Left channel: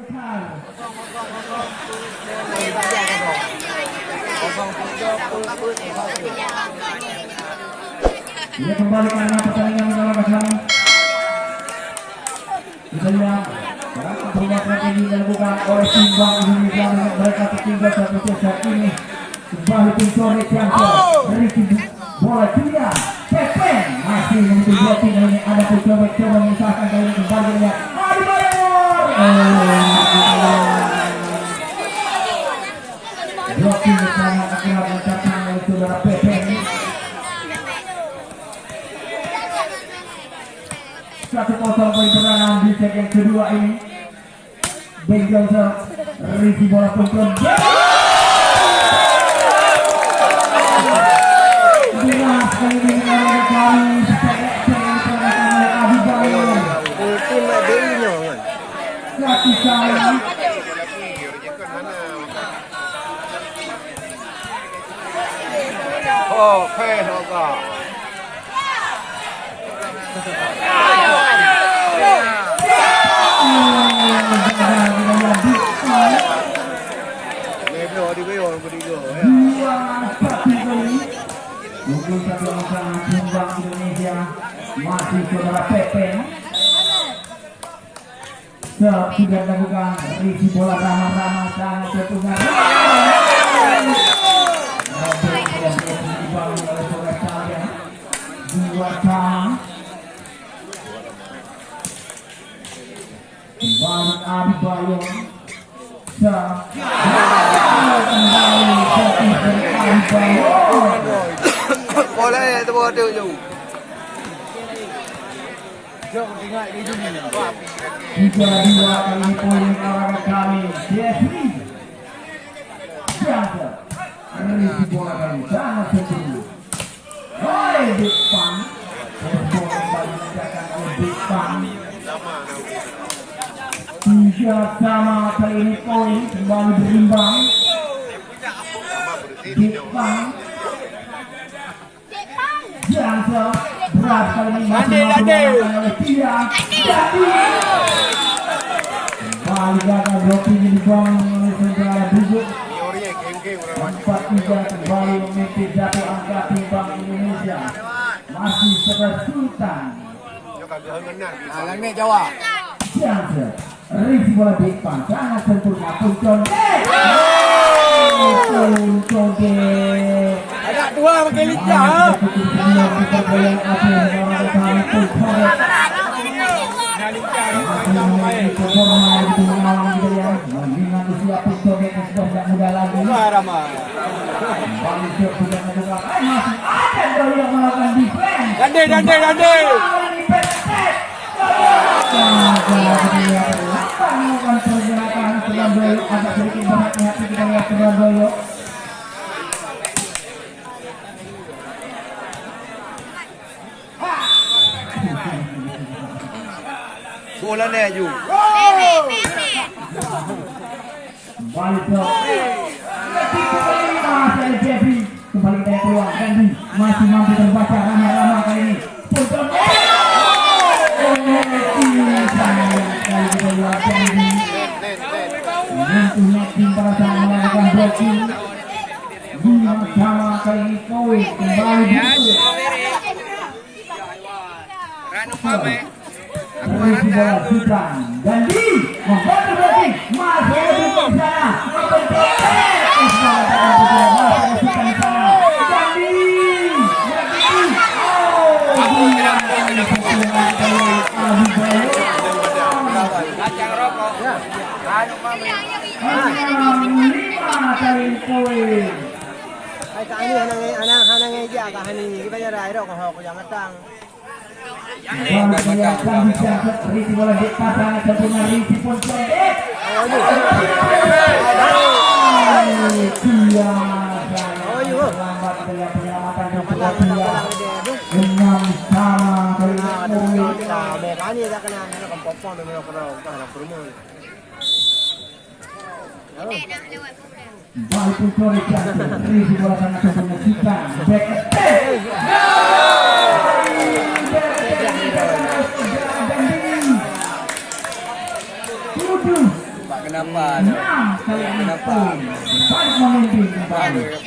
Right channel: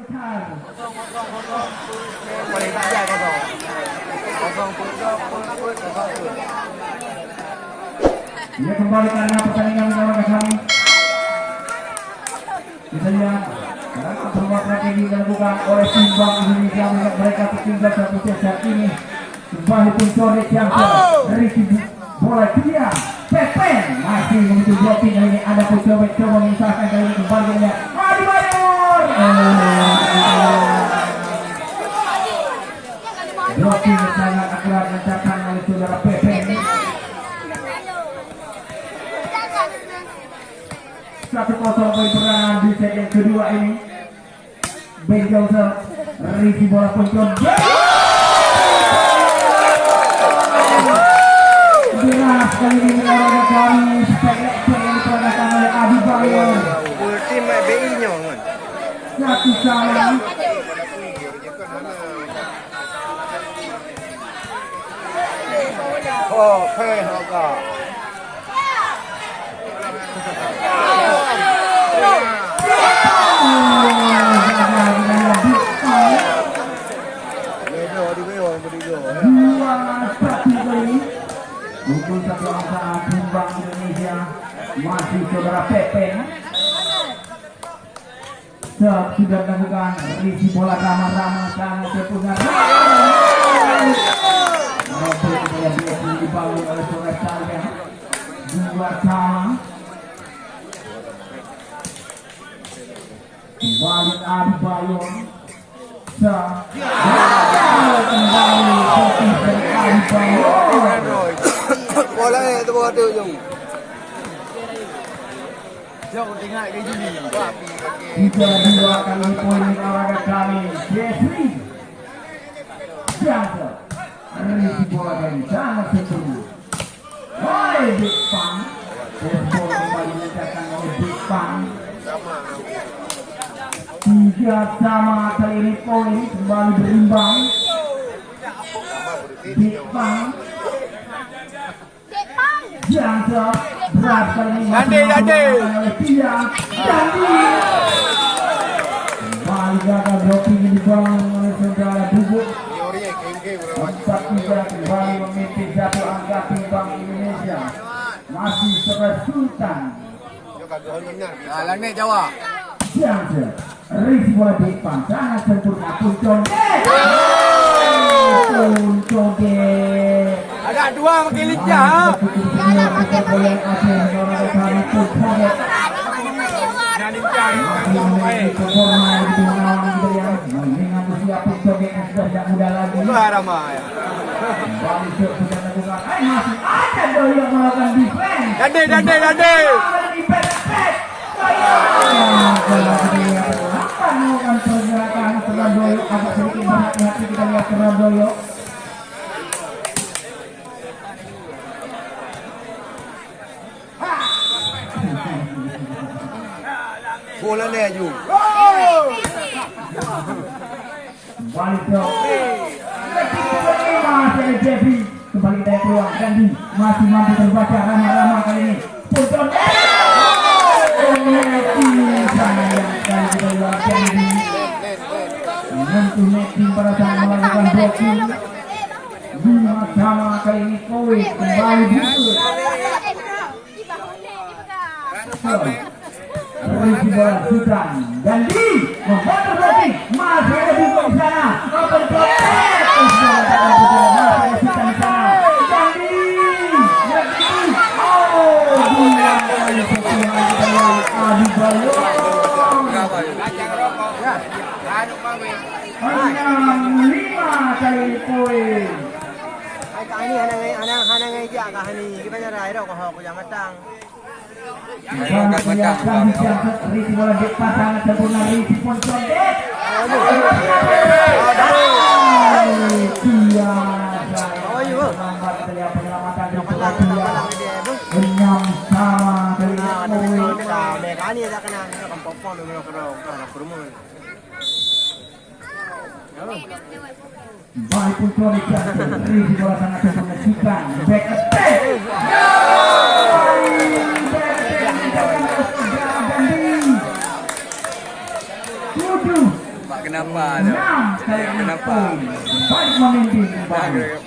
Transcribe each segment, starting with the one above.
Ia kembali karena pertandingan mengawal misalnya berbuat strategi dilakukan oleh Simbang Indonesia untuk mereka tertinggal satu set ini kembali pencoret yang dari bola dia Pepe masih menuju blocking kali ini ada pencoret coba mengisahkan kali ini kembali dia Adi Bayor blocking sangat akurat dilakukan oleh saudara Pepe. 1-0 poin kemenangan di set yang kedua ini. Ben Johnson risi bola kontrol. Jelas kali ini mengalami kali seleksi yang diperagakan oleh Adi Bayor. Tim BI-nya. Satu sama. Oke, Haga. Untuk satu angka Simbang Indonesia masih saudara Pepen sudah dilakukan risi bola ramah-ramah sangat terpunya dibangun oleh saudara Salgan 2 sama kembali Adi Bayor kembali Adi Bayor Bola itu bola tu jom. Jom ingat di sini. 3-2 kali ini poin olahraga kami Jeffrey Siapa risi bola kali sangat sempurna oleh Big Pan bola kembali dikatakan oleh Big Pan 3 sama kali ini poin kembali berimbang Big Pan Jangan berat kali ini Dandi kembali gagal blocking dibangun oleh saudara Bubuk 4-3 kembali memimpin satu angka Simbang Indonesia masih seresutan Langit Jawa. Jangan risi bola di depan sangat sempurna Puncon Ada dua pakai lincah. Dandi. Bola ni Aju. Kembali kita keluar Gandhi masih mampu terbaca ramai-ramai kali ini. Menentukan pada saat melakukan blocking 5 sama kali ini poin kembali dulu. Risi bola Sudan dan di membantu blocking masih ada di sana risi bola di pasangan sempurna risi pun condek penyelamatan kedua 6 sama kali baik pun risi bola sangat sempurna kita back attack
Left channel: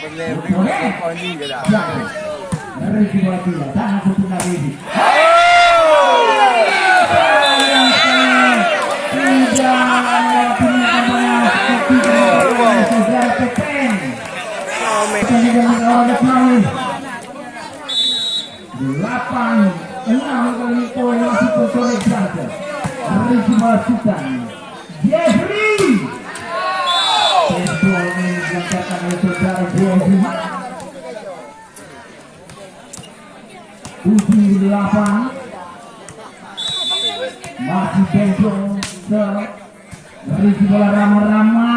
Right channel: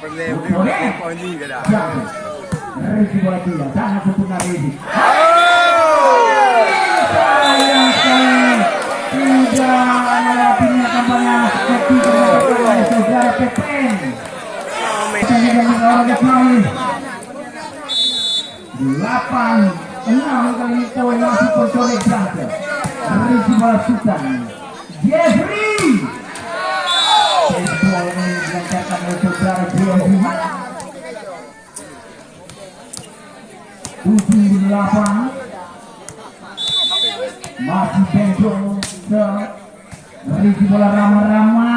Poin juga dah. Ricky bola tidak sangat sempurna Ricky. Tidak punya kampanye ketika sejarah Pepen. Kemudian oleh Pemain 8-6 kali poin masih oleh Johnson. Ricky bola Sultan. Jeffrey. Bola ini dilancarkan oleh saudara Jeffrey. Ujung di 8 masih pencong Ricky bola Rama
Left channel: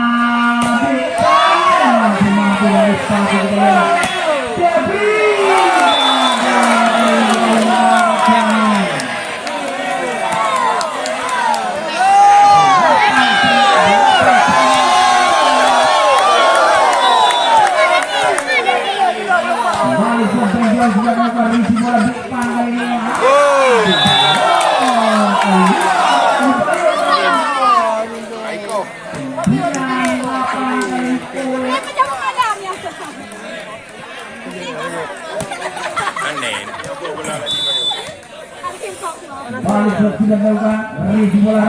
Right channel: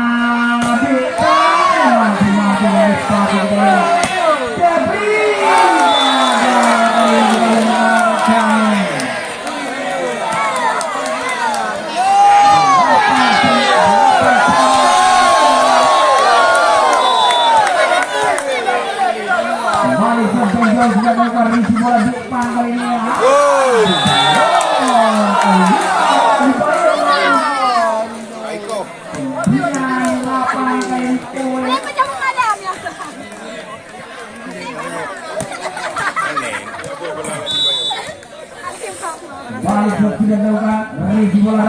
balik sudah dilakukan Ricky bola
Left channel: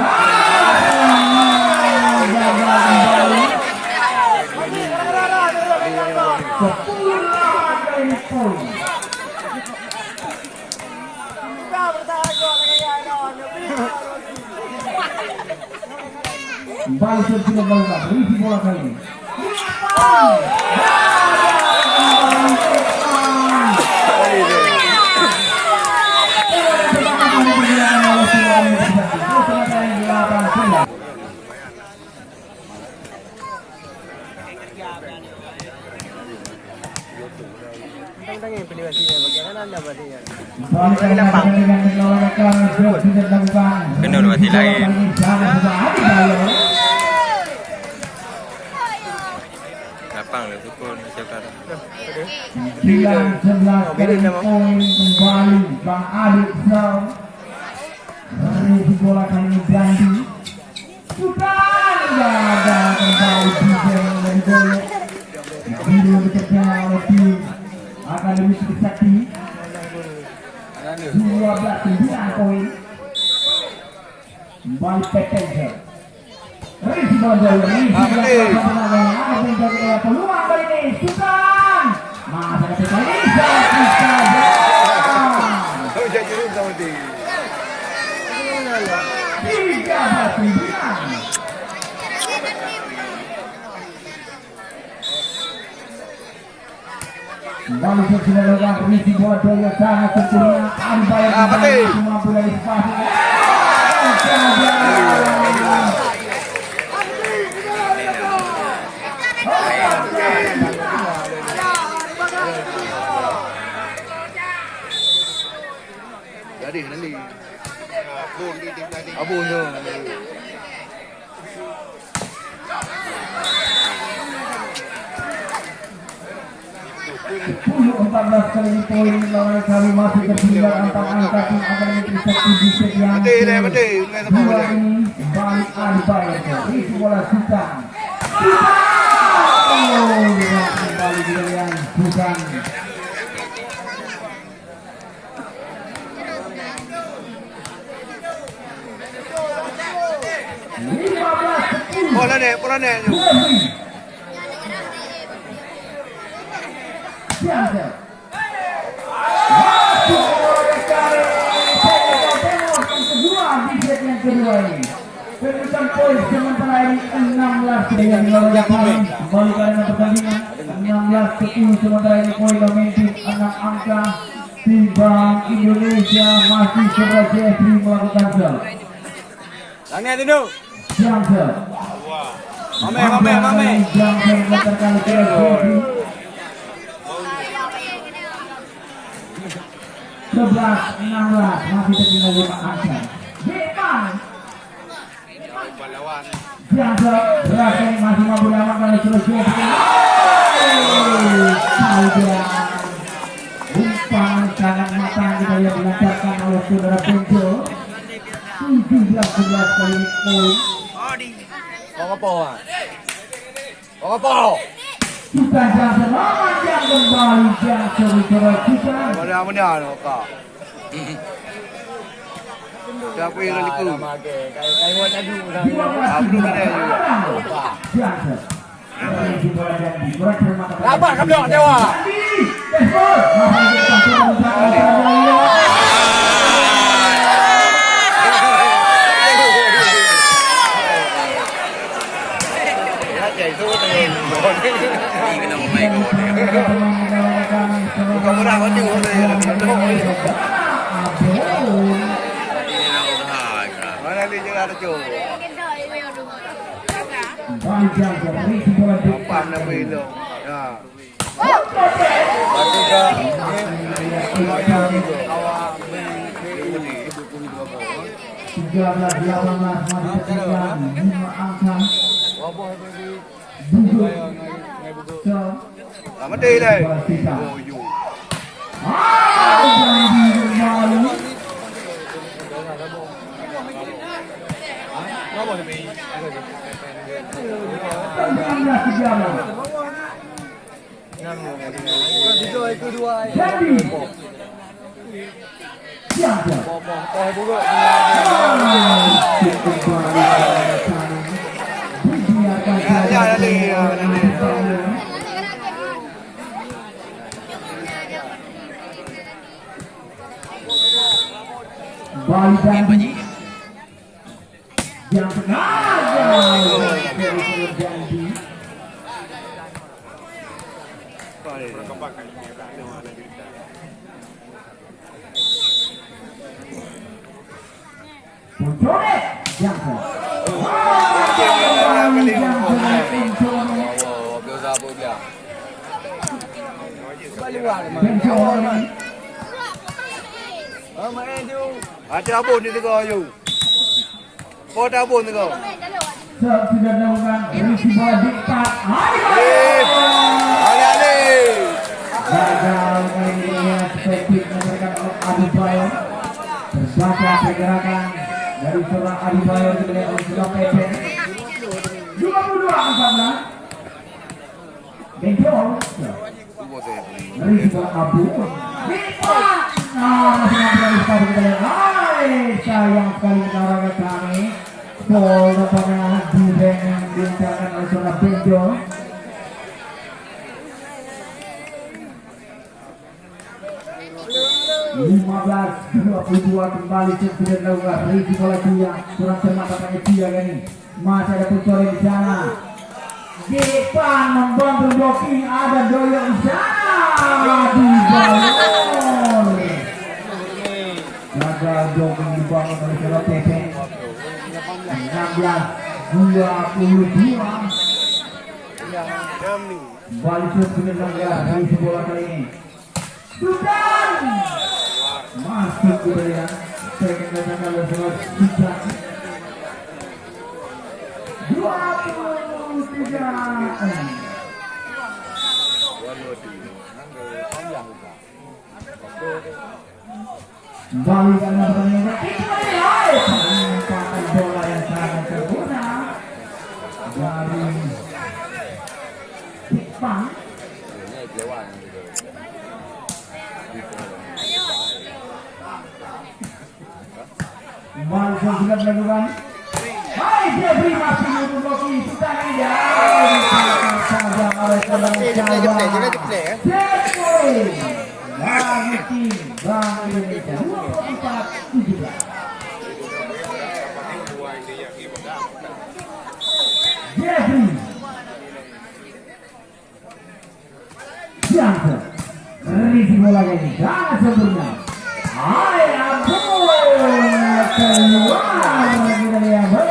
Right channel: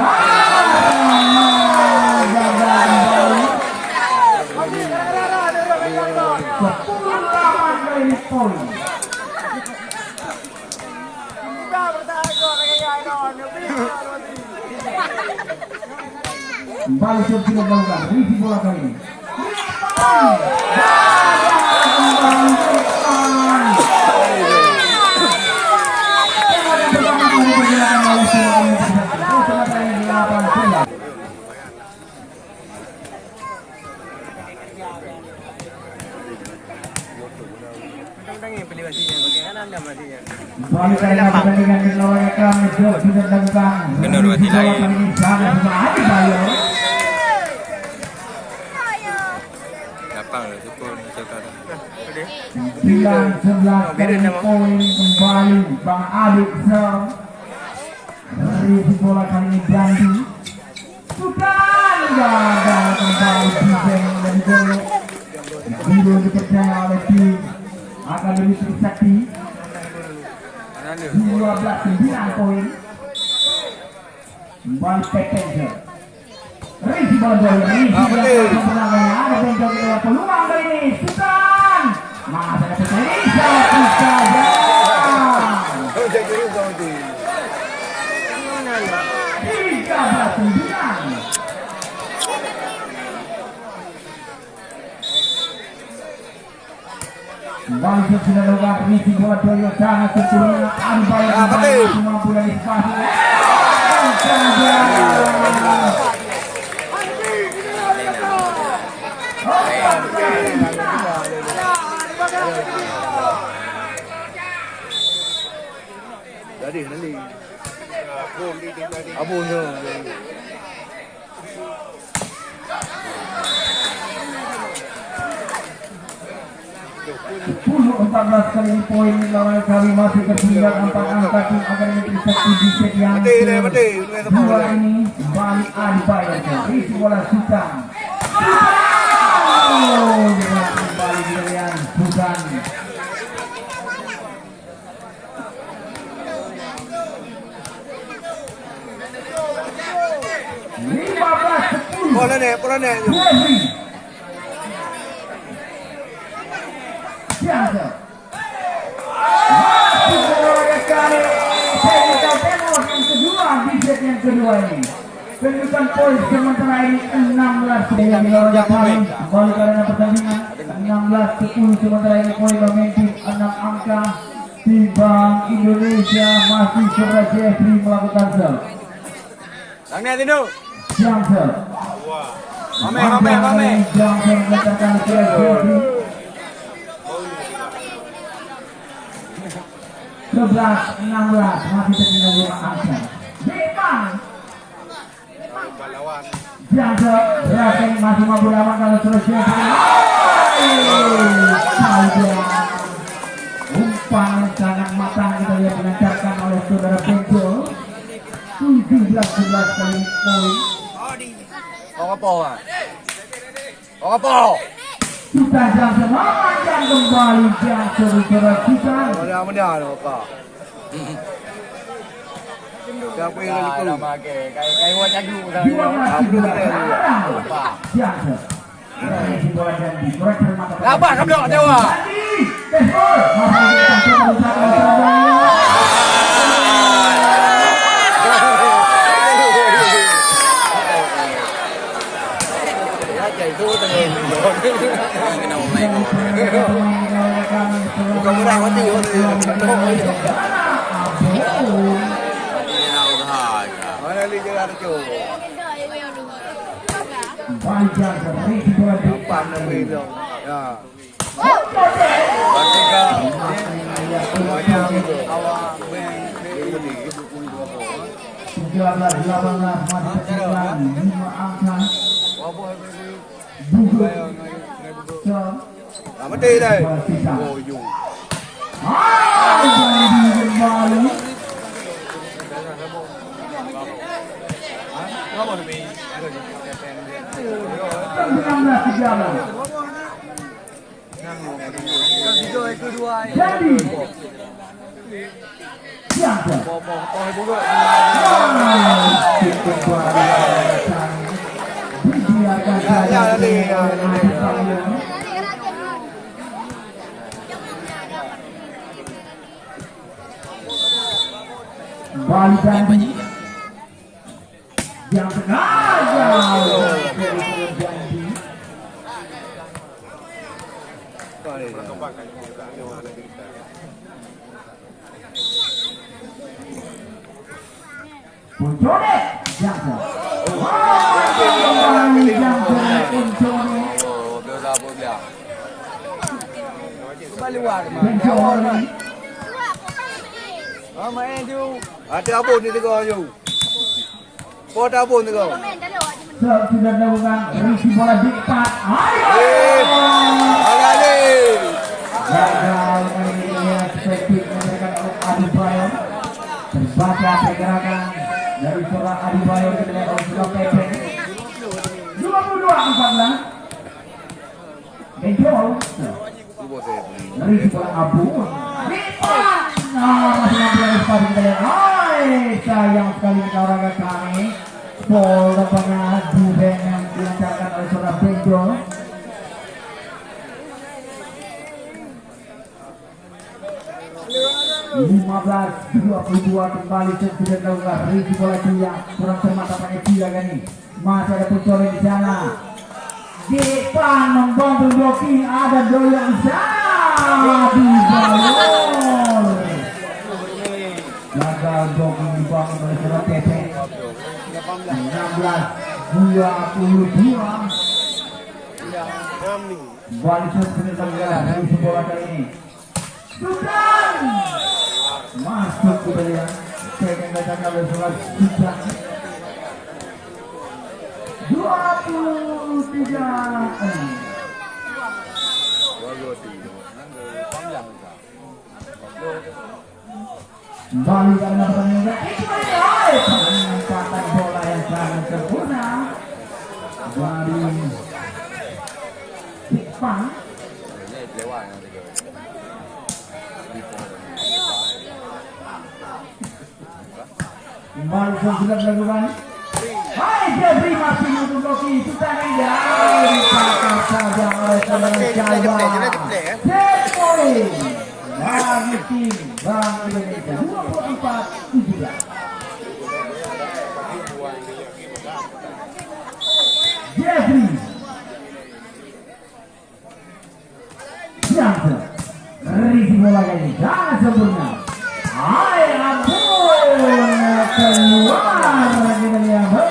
gagal kembali 10 kali poin. Balik sudah dilakukan Ricky bola kali ini. Kena dua hati lain. Lapang lah sukun macam kata. 9-11 kali poin kembali Bang Aduk Sam. Ricky bola kali ini Blandi. Sudah gagal kembali defense dan gol. Video dikejar oleh tim akan lebih sakti. 12-9 poin. Kembali Petenja. Ricky bola jauh. Ricky bola kemenangan. Ada Petenja ke peluang kali ini. Sultan. Masa ketika ini saja. Kembali sudah dilakukan Ricky bola yang sangat sempurna. Kembali semua bola di spasi. Jadi nanti abunya. 14 kali poin lawan kami masih tertinggal antar angka tim akan mencapai di set yang kedua ini balik dibayar Ricky bola Sultan. Kembali dengan Sultan. Bola ni. Jangan. Yang kedua ini penutupan poin sementara ini 16 yang dilakukan kembali karena pertandingan 16-10 sementara ini poin memimpin 6 angka tim Bank Indonesia masih serta Jeffrey melakukan sel. Tanya Tino. Johnson. Mame. Johnson meletakkan ke Jeffrey. 11-16 masih tertinggal 5 angka. Johnson berhasil masih mampu lawan kalau selesai. Umpan sangat matang kita lihat dilancarkan oleh saudara Penjo. 17-11 kali poin. Kau apa? Kita Johnson memanjang kembali Johnson kita. Mudah-mudahan kok. Siapa yang lagi tu? Kayak wajah dulu dah. Johnson. Apa kamu nak jawab? Kena main gol. Ini nak usaha juga. Mana ni juga ada tu? Pandai belo. Ya. Mati dah. Oh, you. Yang Ada apa ni tu kau you? Kau ada apa ni kau? sudah dilakukan risi bola di depan. Gagal ini Sepik memberikan Adibayor. Terbaca pergerakan dari seorang Adibayor kepada seorang Pepe. 22-14. Benjol. Risi bola Abu. Sayang sekali negara kami. Gol daripada Dibeng yang dilancarkan oleh seorang Benjol. Lima 22 kembali sudah dilakukan Riki bola dia kurang cermat katanya dia kan ini masih ada Pucori di sana depan membantu blocking ada Doyo di sana di bawah gagal blocking dibangun oleh seorang Pepe 16-22 kembali sudah dilakukan Riki bola kali ini bukan masuk ke dalam saya katakan oleh salah kita 23 kembali karena pertandingan penempatan bola yang sangat sempurna dari Jepang. Kembali sudah dilakukan. Hai Jeffrey masih menunggu Rocky sudah tidak saja oleh saudara Jawa. Jeffrey dari tim Bank Indonesia 24-17. Jeffrey Jangan risi bola ini jangan sempurna. Hai Abu keluar kita lihat